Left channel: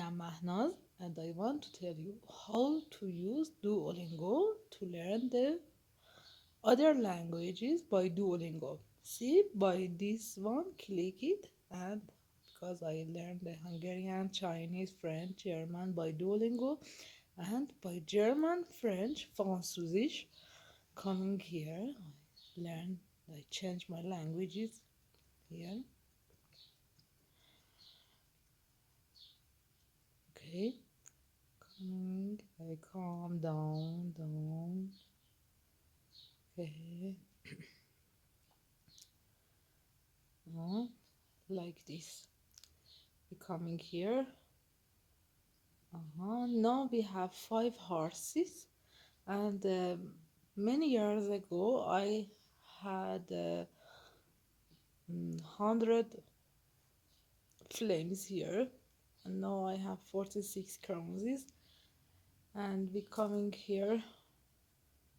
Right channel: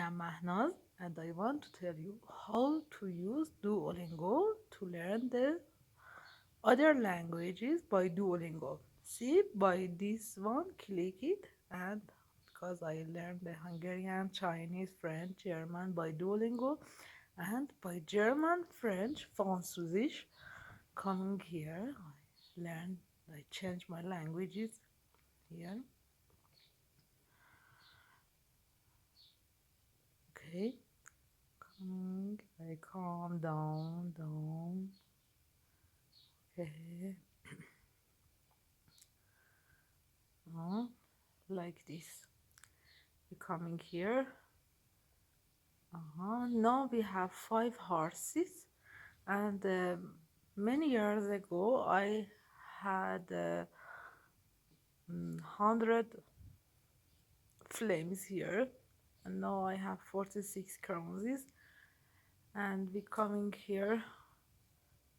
am Mahnaz and I want to tell you how to use Duolingo to learn the other languages by Duolingo. See, by this one, click it, and because I learned the Hungarian, Chinese, French, German by Duolingo, and by German, French, Französisch, coming here, I change my languages here. Okay, coming, I calm down. Okay. Like this. We're coming here. Now we have 5 horses, and many years ago I had 100 flames here, and now I have 46 crowns. And we coming here,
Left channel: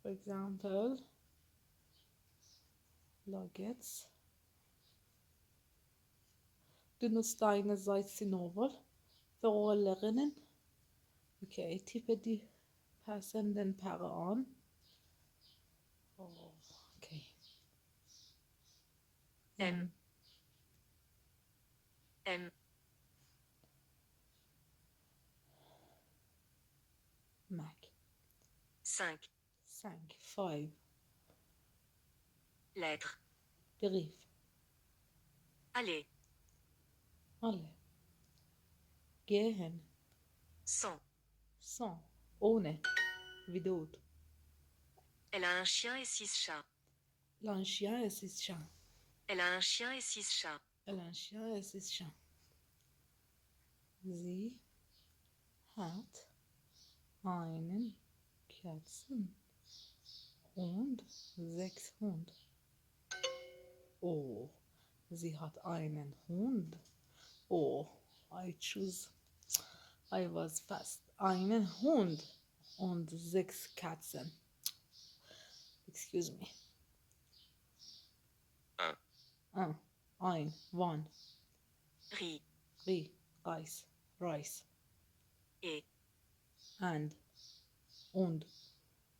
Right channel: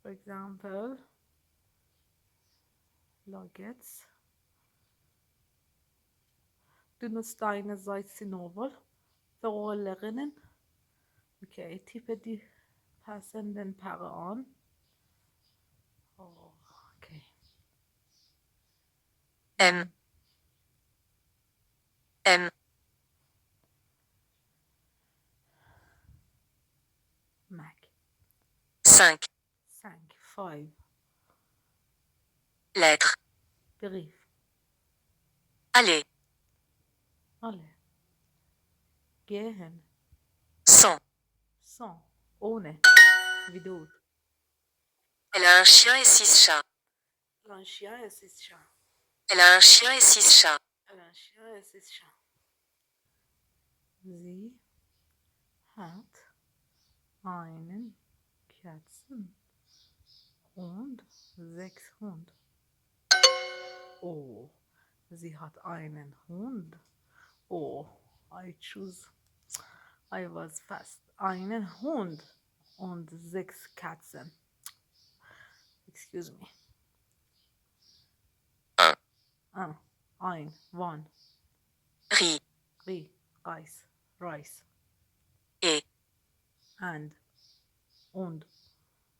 for example, Nuggets. Du nutzt deine Seite novel für Lernen. Okay, tippe die passenden Paare an. Oh, okay. M. Mac. 5. 5. Lettre. Brief. Aller. Gehen. Sans. Ohne. Without. Elle a un chien et 6 chats. Elle a un chien et 6 chats. Elle a un chien et 6 chats. Sie hat einen Katzen und 6 Hunde. Oh, sie hat einen Hund. Oh, I was fast. Einen Hund und 6 Katzen. Excuse me. One. Riz. Rice. Et. Und.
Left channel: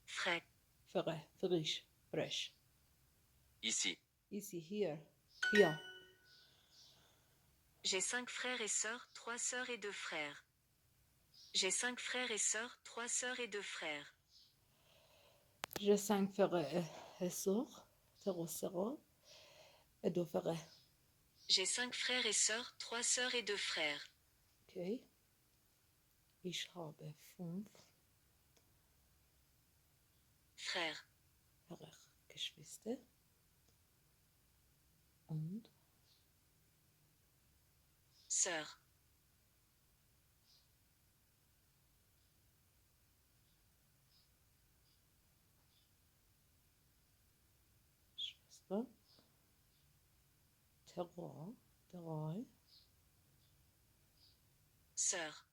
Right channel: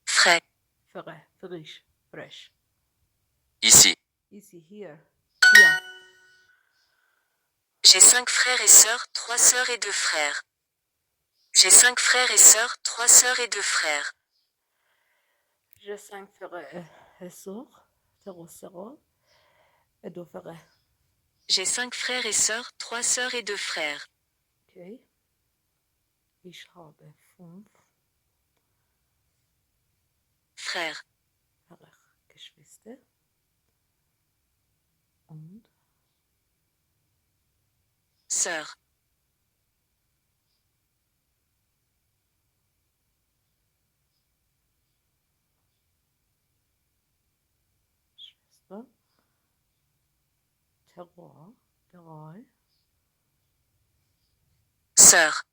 Frais. Fresh. Ici. Here. J'ai 5 frères et sœurs, 3 sœurs et 2 frères. J'ai 5 frères et sœurs, 3 sœurs et 2 frères. J'ai 5 frères et sœurs, 3 sœurs et 2 frères. J'ai 5 frères et sœurs, 3 sœurs et 2 frères. Okay. Ich habe 5 frères. Geschwister. Und sœurs. Schwester. 3 sœurs.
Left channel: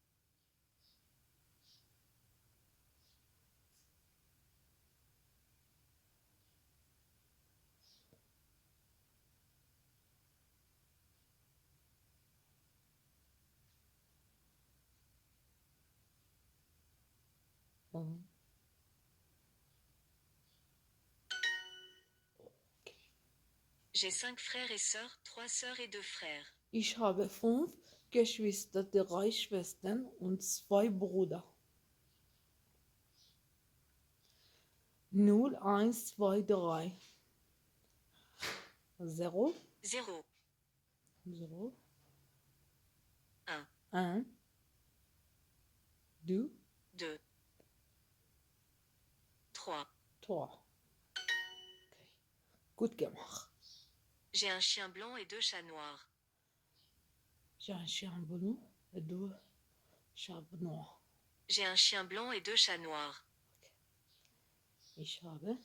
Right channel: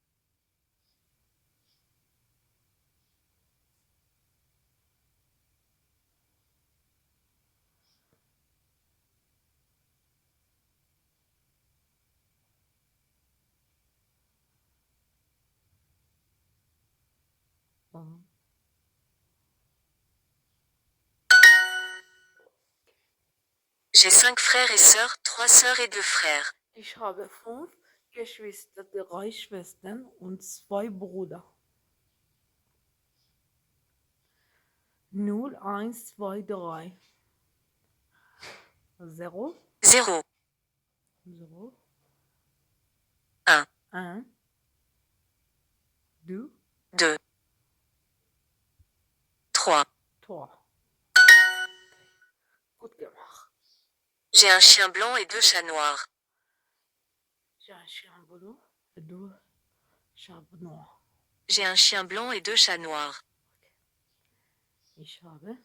J'ai 5 frères et sœurs, 3 sœurs et 2 frères. Ich habe 5 Geschwister, 3 Schwestern und 2 Brüder. 0, 1, 2, 3. 0. 0. 0. 1. 1. 2. 2. 3. 3. Okay. Gut gemacht. J'ai un chien blanc et 2 chats noirs. J'ai un chien blanc et 2 chats noirs. J'ai un chien blanc et 2 chats noirs. Okay. Ich habe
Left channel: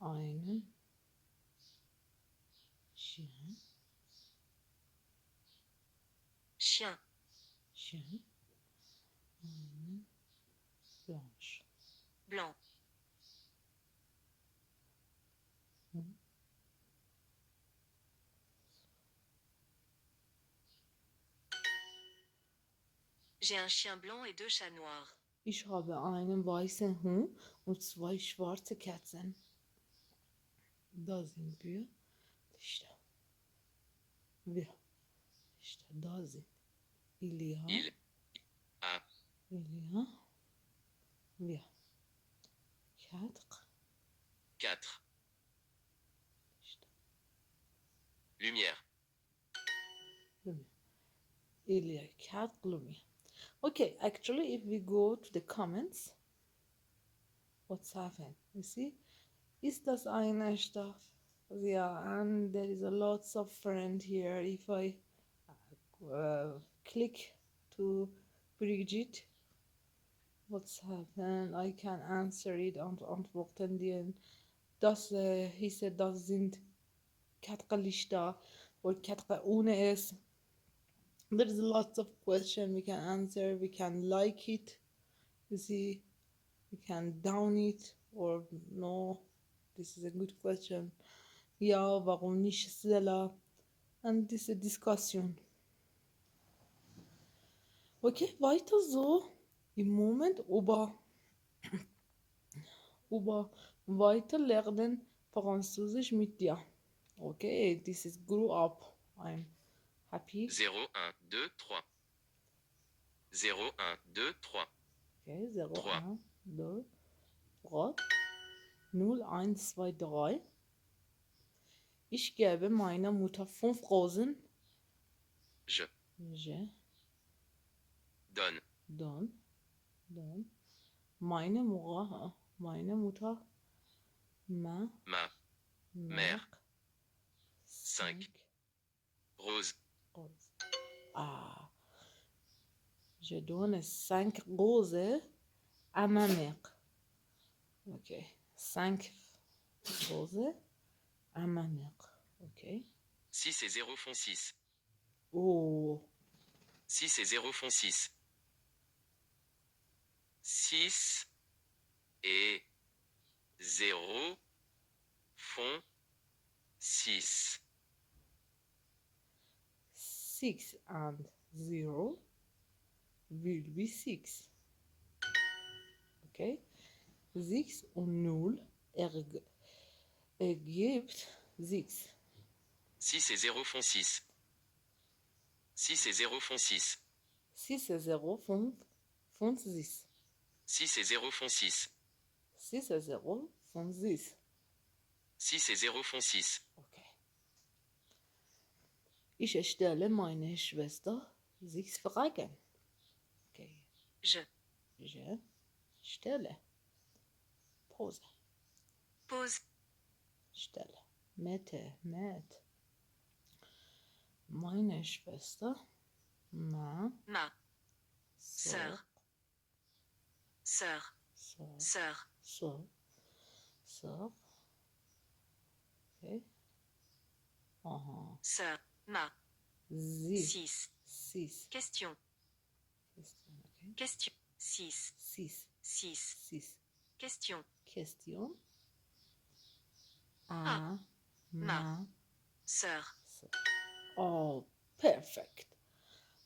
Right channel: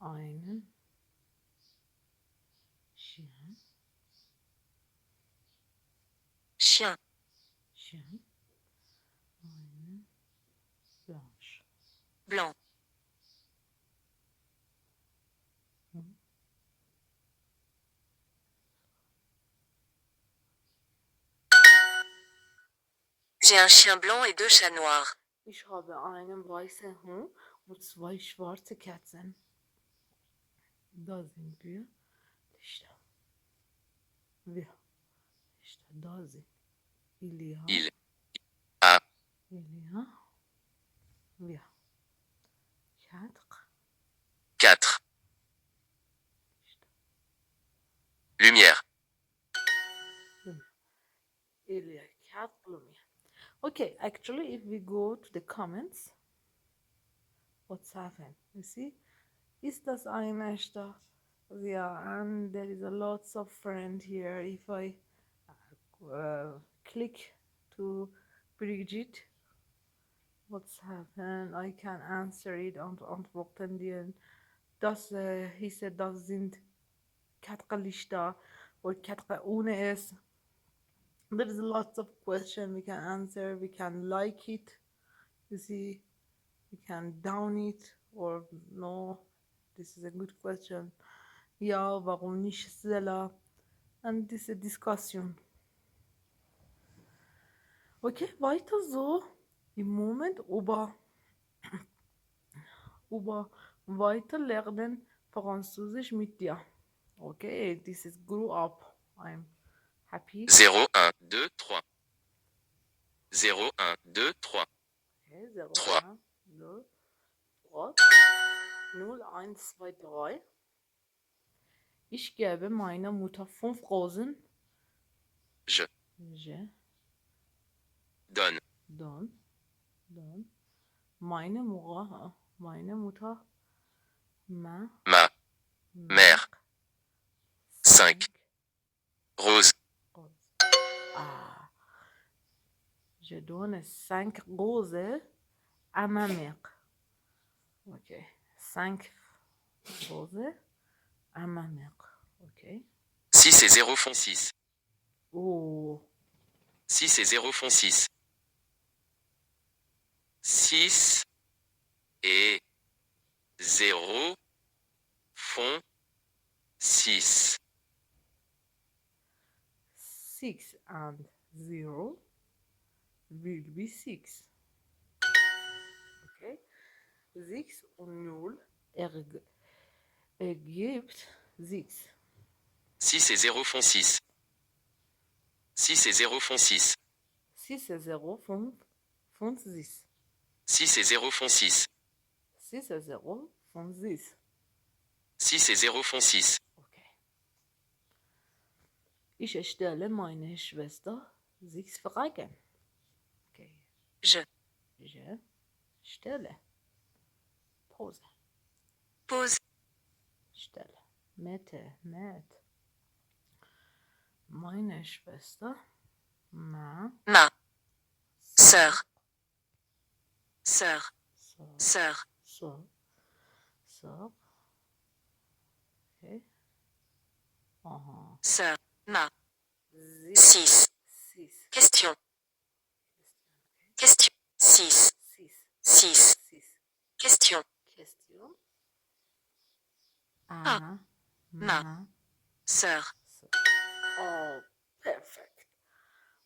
einen Chien. Chien. Einen Blanche. Blanc. J'ai un chien blanc et 2 chats noirs. Ich habe einen weißen Hund und 2 schwarze Katzen. Da sind wir. İşte. Wir. İşte da sind. Il y a. Il a Il y a. Wir. 4. 4 İşte. lumières. Lumière. Il y a 4 lumières. Okay, actually, if we go to the comments, what's happened? You see? Ist das ein echter? Yeah, and there is a lots of friend here. If I click to Brigitte, what's happened? I can answer it und antworten dir. Das, he said, das sind 4 Lichter or 4 ohne es. There is lots of questions we can answer. We can like it, you see, we can down it or no. This is a good question. Ja, warum nicht schneller? And this is a discussion. Okay, weiter so. Im Moment über weiter lernen Französisch mit dir. Okay, this is grow up. I'm happy. 0, 1, 2, 3. 0, 1, 2, 3. Okay, 0, 3. 1, 2, 3. 0, 1, 2, 3. Ich gebe meiner Mutter 5 Rosen. Je Je donne donne meine Mutter ma mère 5 roses. roses. Ah, je donne 5 roses à ma mère. Ok, 5 roses à ma mère. Ok. 6 et 0 font 6. Oh, 6 et 0 font 6. 6 et 0 font 6. 6 and 0 will be 6. Okay. 6 und 0 ergibt 6. 6 et 0 font 6. 6 et 0 font 6. 6 et 0 font 6. 6 et 0 font 6. 6 et 0 font 6. 6 et 0 font 6. Okay. Ich stelle meine Schwester 6 Fragen. Okay. Je Stelle. Pause. pose Stelle. Met. Meine Schwester. Ma. sœur. Sœur. Okay. Sœur. Ma. 6. 6. Question. Okay. Question. 6. 6. 6. Question. Ma. Sœur. Oh, perfect.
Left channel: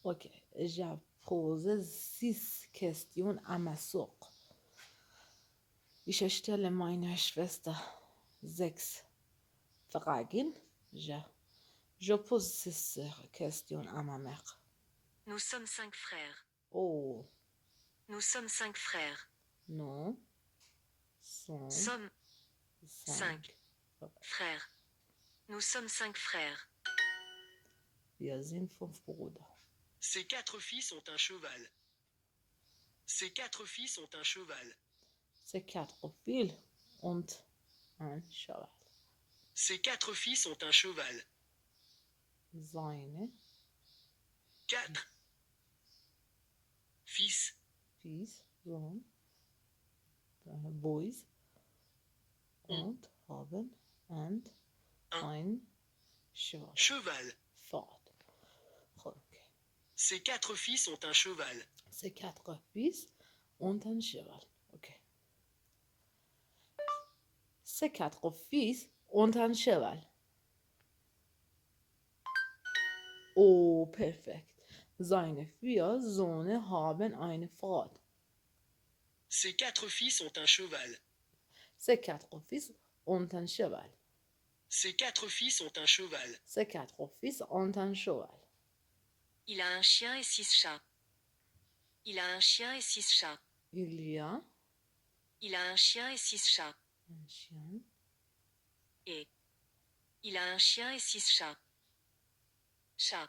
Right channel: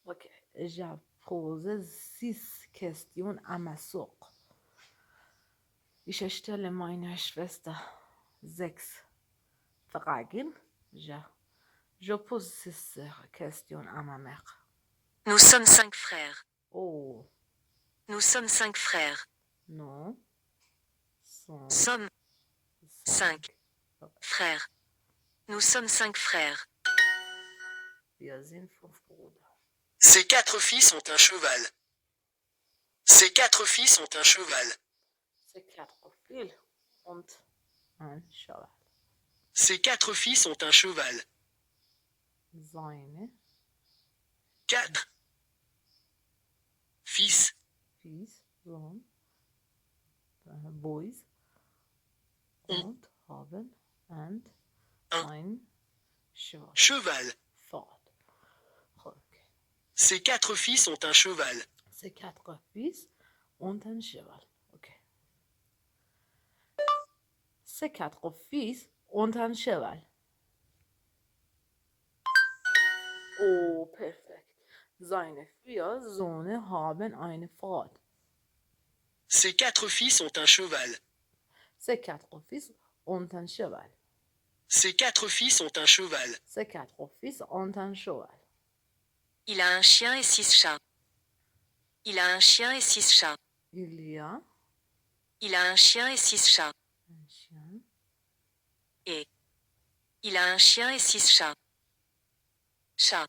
Okay, j'ai posé 6 Questions à ma sœur. Ich stelle meiner Schwester 6 Fragen. Je pose 6 questions à ma mère. Nous sommes 5 frères. Oh, Nous sommes 5 frères. non. Sommes 5 frères. Nous sommes 5 frères. Wir sind 5 Brüder. Ces 4 fils ont un cheval. Ces 4 fils ont un cheval. C'est 4 fils und ein Cheval. Ces 4 fils ont un cheval. Seine 4 fils Fils, Sohn, Boys und haben ein Cheval. cheval. Fort. Okay. Ces 4 fils ont un cheval. C'est 4 fils und ein Cheval. Okay. C'est 4 fils und ein Cheval. Oh, perfect. Seine 4 Söhne haben ein Pferd. Ses 4 fils ont un cheval. Ses 4 fils ont un cheval. Ses 4 fils ont un cheval. Ses 4 fils ont un cheval. Il a un chien et 6 chats. Il a un chien et 6 chats. Il y a Il a un chien et 6 chats. un chien. Et. Il a un chien et 6 chats. Chat.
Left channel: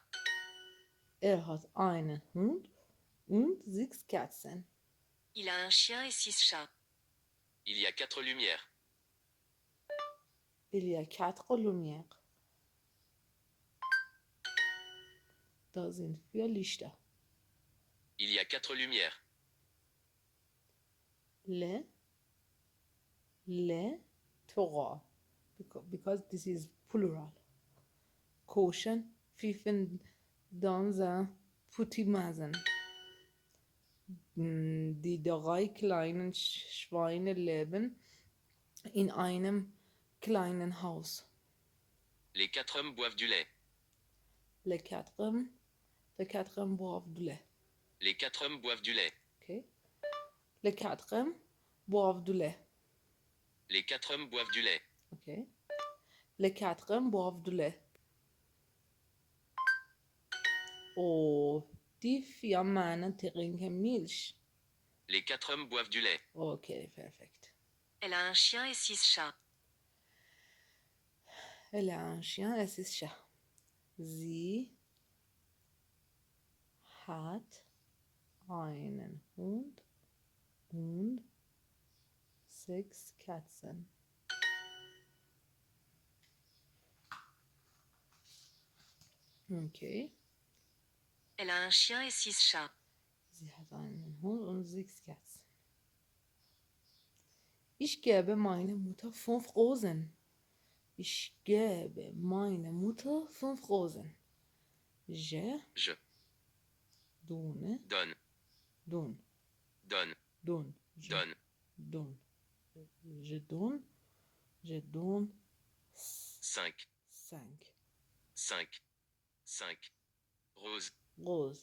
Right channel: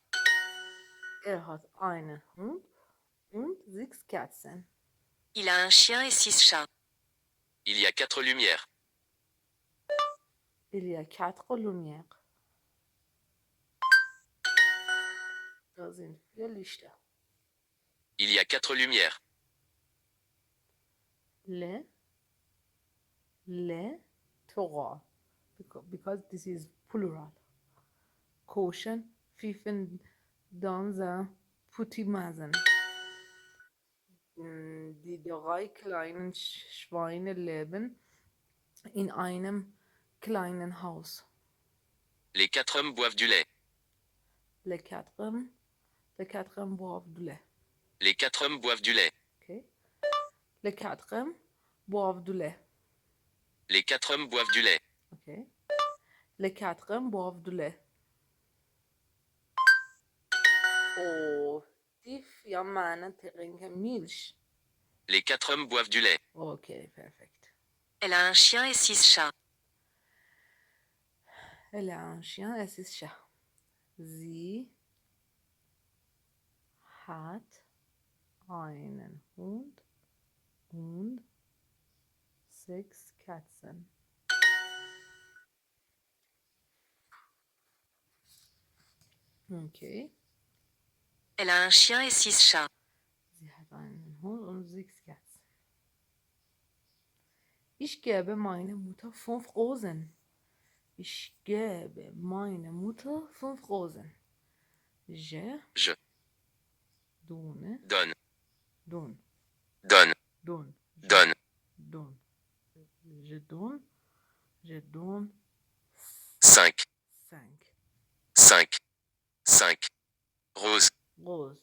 Hat einen Hund und 6 Katzen. Il a un chien et 6 chats. Il y a 4 lumières. Il y a 4 Lumières. Da sind 4 Lichter. Il y a 4 lumières. Le, trois. Because this is plural. Caution, pfiffen dans un petit maison. Die 3 kleinen Schweine leben in einem kleinen Haus. Les 4 hommes boivent du lait. Les quatre hommes boivent du lait. Les 4 hommes boivent du lait. Okay. Les 4 hommes boivent du lait. Les 4 hommes boivent du lait. Okay. Les 4 hommes boivent du lait. Oh, die 4 Männer trinken Milch. Les 4 hommes boivent du lait. Okay, perfekt. Elle a un chien et 6 chats. Elle a un chien et 6 chats. Sie hat einen Hund und 6 Katzen. Okay. Elle a un chien et 6 chats. Sie hat einen Hund und 6 Katzen. Ich gebe meiner Mutter 5 Rosen. Ich gebe meiner Mutter 5 Rosen. Je Je donne, donne. donne, Donne. donne, je Donne. donne. Je donne 5. 5 5. 5. Rose. roses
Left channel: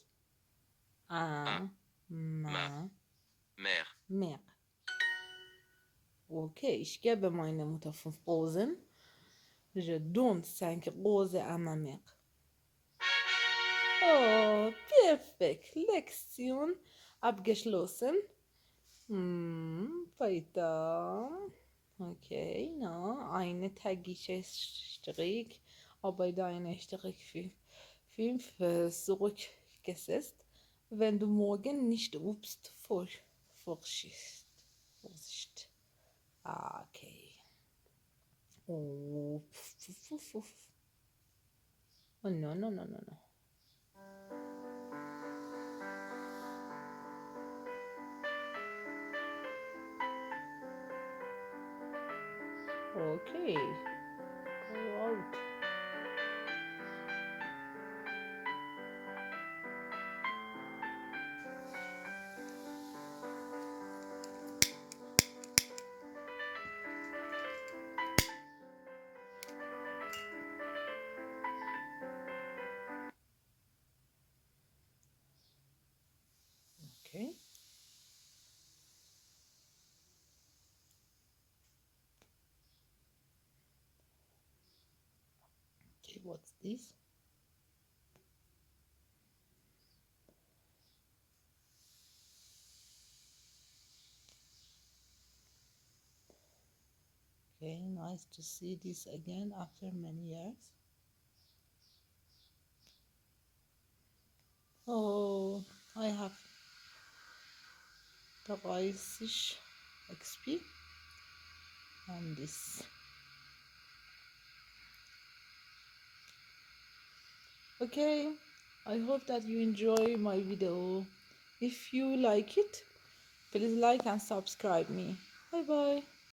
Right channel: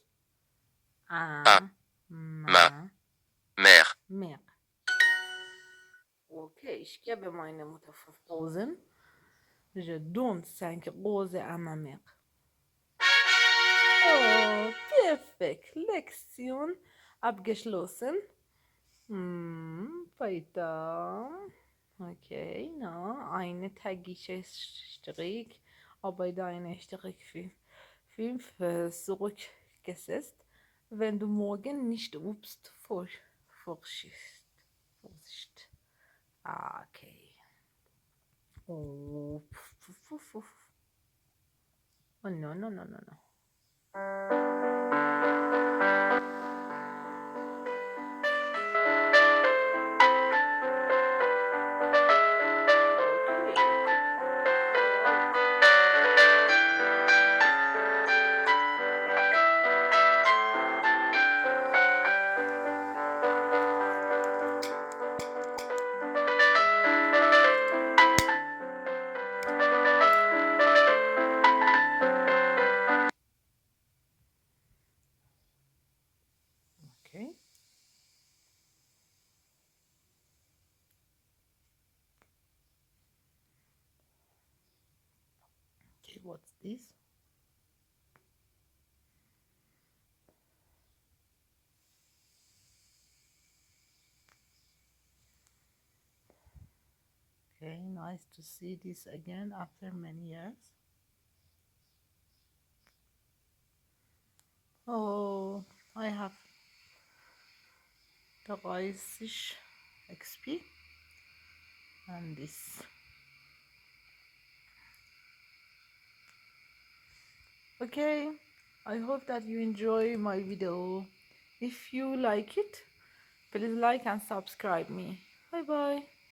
à Ah, ma Mère. Mère. Okay, ich gebe meiner Mutter 5 Rosen. Je donne 5 Rosen à ma mère. Oh, perfekt. Lektion abgeschlossen. Weiter. Okay, na, eine tägliche Strick, aber deine Strick 5 zurückgesetzt. Wenn du morgen nicht übst, Vorsicht. Okay. Oh, oh no. Okay. Alright. Okay. Okay, what's this? Okay, nice to see this again after many years. Oh, I have 30 XP and this. Okay, I hope that you enjoy my video. If you like it, please like and subscribe me. Bye bye.